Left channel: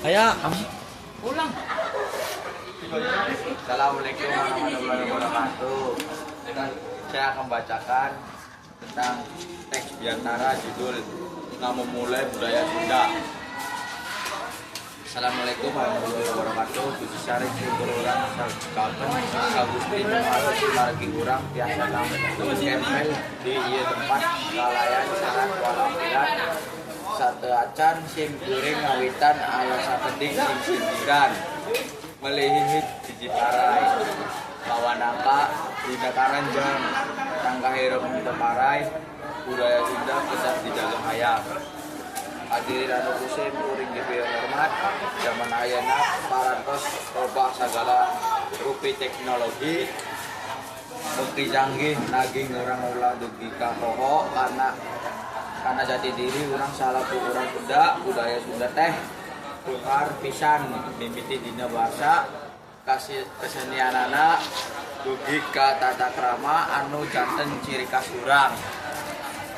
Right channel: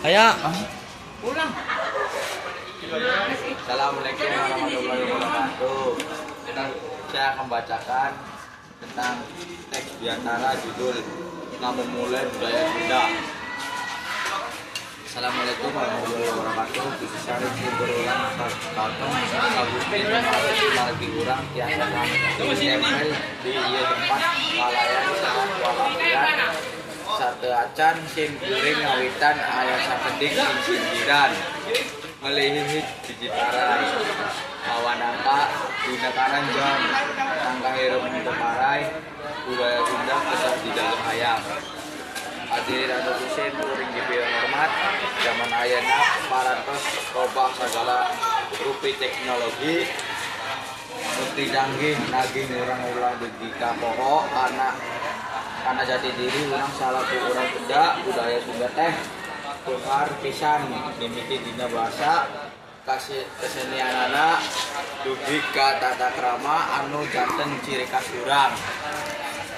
Ayo. Ulang. Assalamualaikum warahmatullahi wabarakatuh. Saya akan bacakan tentang teks Biantara judul Memulai Budaya Sunda. Assalamualaikum warahmatullahi wabarakatuh. Khusus syarif berulang kalteng Agustin lagi kurang tiasa kami tempel di ieu tempat kalayan sangat walafiat sate acan sing kuring ngawitan aya sakedik sing sindiran melihit dijitarai kawanangka dina karanjang tangga hirup teparai budaya Sunda tetap dijaga hayam. Hadirin anu kusin kuring diberi hormat, zaman ayeuna parantos robah sagala rupi teknologi bukti canggih naging urang ulah degi ka poho karena jati diri urang salaku urang Sunda budaya Sunda teh tukar pisan mimiti dina bahasa kasih kesenianana dugi ka tata krama anu janten ciri khas urang.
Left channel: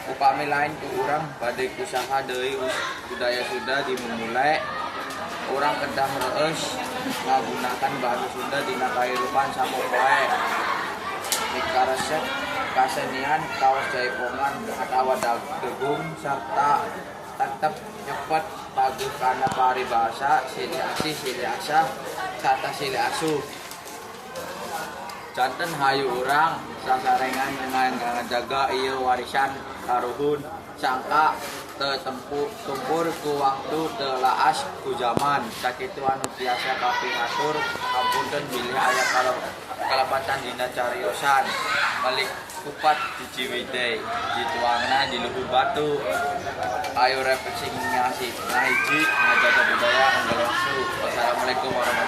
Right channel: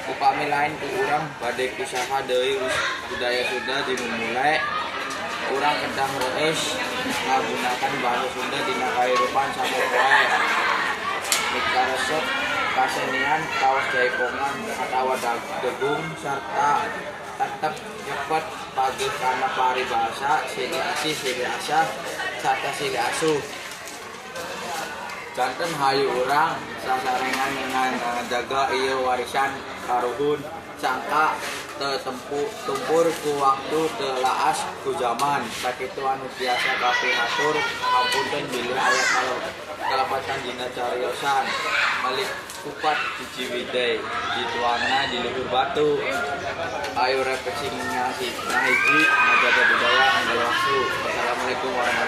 Upami lain ku urang bade pisaha deui budaya Sunda dimulai urang kedah reus ngagunakan bahasa Sunda dina kahirupan sapopoe mikaresep kasenian kaos jaipongan atawa degung sarta tetep cepet pagih kana paribahasa silih asih silih asah sarta silih asuh janten hayu urang sasarengan dengan ngajaga ieu warisan karuhun sangka teu tumpur ku waktu teu laas ku zaman sakitu anu tiasa kapihatur ampunten bilih aya kalapatan dina cariosan malik kupat di Ciwidey dituangna di luhur batu ayo refleksi hiji ngajaga budaya anggal waktu. Wassalamualaikum warahmatullahi wabarakatuh.